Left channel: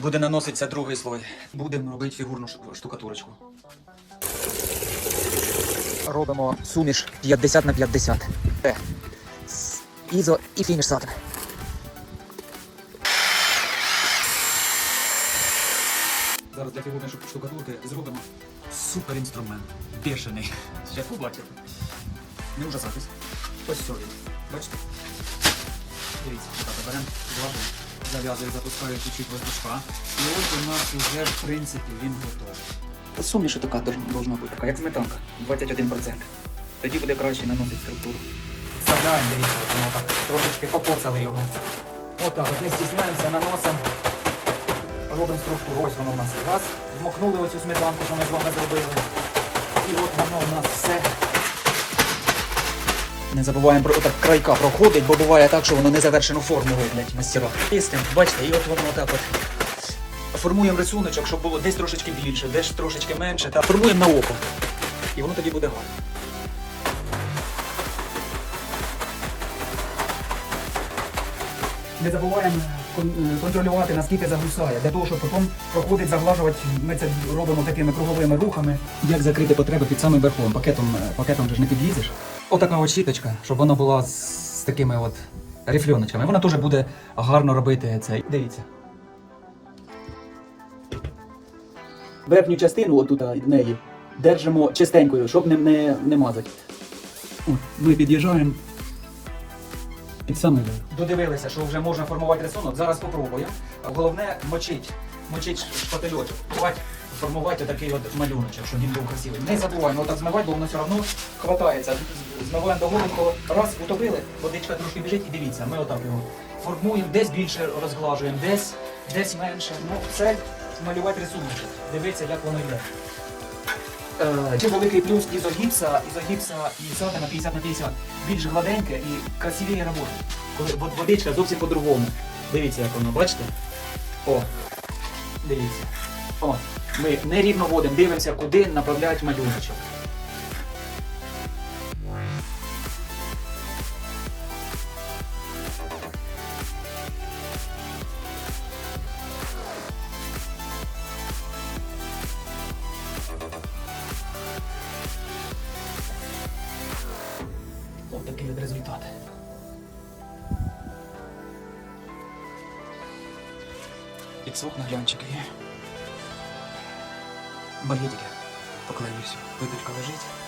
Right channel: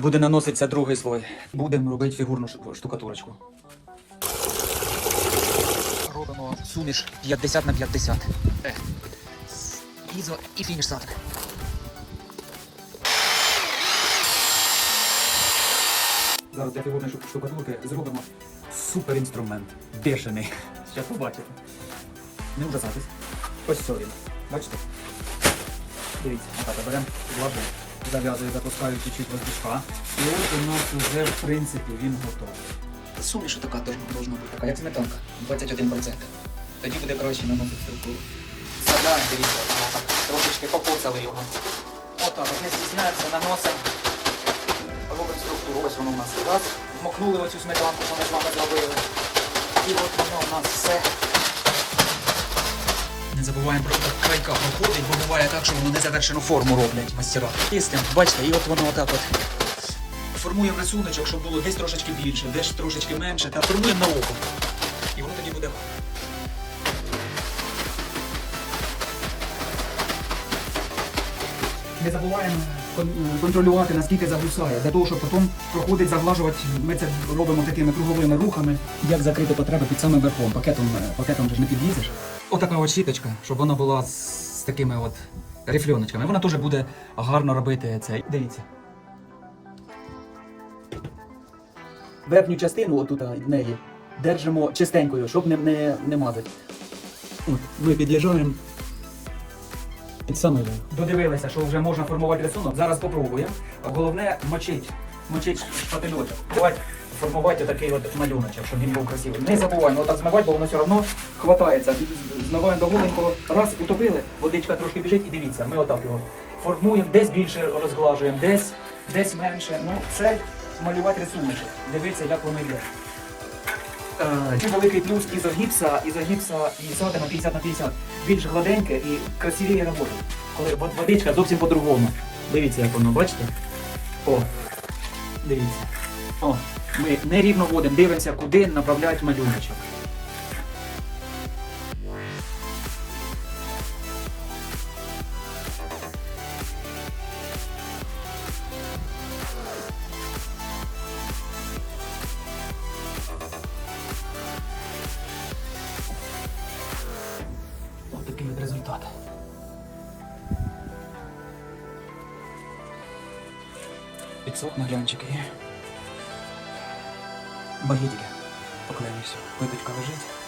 Буде наноситися другий слой. Будемо робити фігурну штукатурочку. Робимо суміш 50 на 50. Е, Ізо і фініш. Зараз для фігурної штукатурки зробимо супер інструмент. Бешений. Зараз побачите. Не ужасайтесь. Ось все він. Бачите? Дивіться, отак беремо глажу, зав'язую, запускаю чуть-чуть воздушка. І ось у нас вже, в принципі, він готовий. Суміш така должна бути така, як сметанка, 21%. Тоді буде краще наносити структуру. Садаємо, дивіться, так трошечки покоцали його. Отак, от не стісняємося, наносимо. Робимо структуру, ось воно у нас. Раз, вмокнули оцю сметанку, що ми з вами зробили. І от воно у нас все. Не забуваємо про так крайка проходить, бо буває так, що воно незавершену форму роблять мастера. Чистим, бачите, і от воно отак от. Формуємо рисуночок, щоб було десь трошечки більше, десь трошечки менше. Та формуємо на око. І воно тоді буде гарно. Не забуваємо контролювати, наскільки загусає, для того, щоб потім проходить заглажувати. Ми це робимо такими круговими рухами. Як закрити потреби під самим верхом? Пакетом, е, пакетом же ж не підлізеш. Отака от щіточка, щоб вона була з, з такими от рифльоночками. Вона теж буде гарно робити це. Дивіться. Верхню частину, отут в неї, держимо чистенькою, щоб не, не, не мазати. От, ми під'їжджаємо під самий. Додивилися, що вже можна формувати рисунок. Зараз попробуємо. Головне мочить, мочить шпательочок. Давайте формувати такий от малюночок, щоб він був красивий. Не забуваємо отак змивати, бо воно все одно хватається. Змиваємо до голенького. Раз утопили, водичка трошки біжить і дивіться, ми отак його формуємо, десь більше розглажуємо, десь, десь менше. Ну, це малювати рисуночок. Дивіться, як воно йде. Чи великий плюс ізогіпса, ізогіпса і сатина 50 на 50. Більш гладеньке і красивіє робота. Коли водичка зовсім по-другому. Дивіться, як воно, бачите? О, дивіться. О, ми нерівно водимо, дивимося, куди направляють малюночок. Ось такий результат. Підсох на глянчик є. Багітіля. Поклею все. Випічка лежить.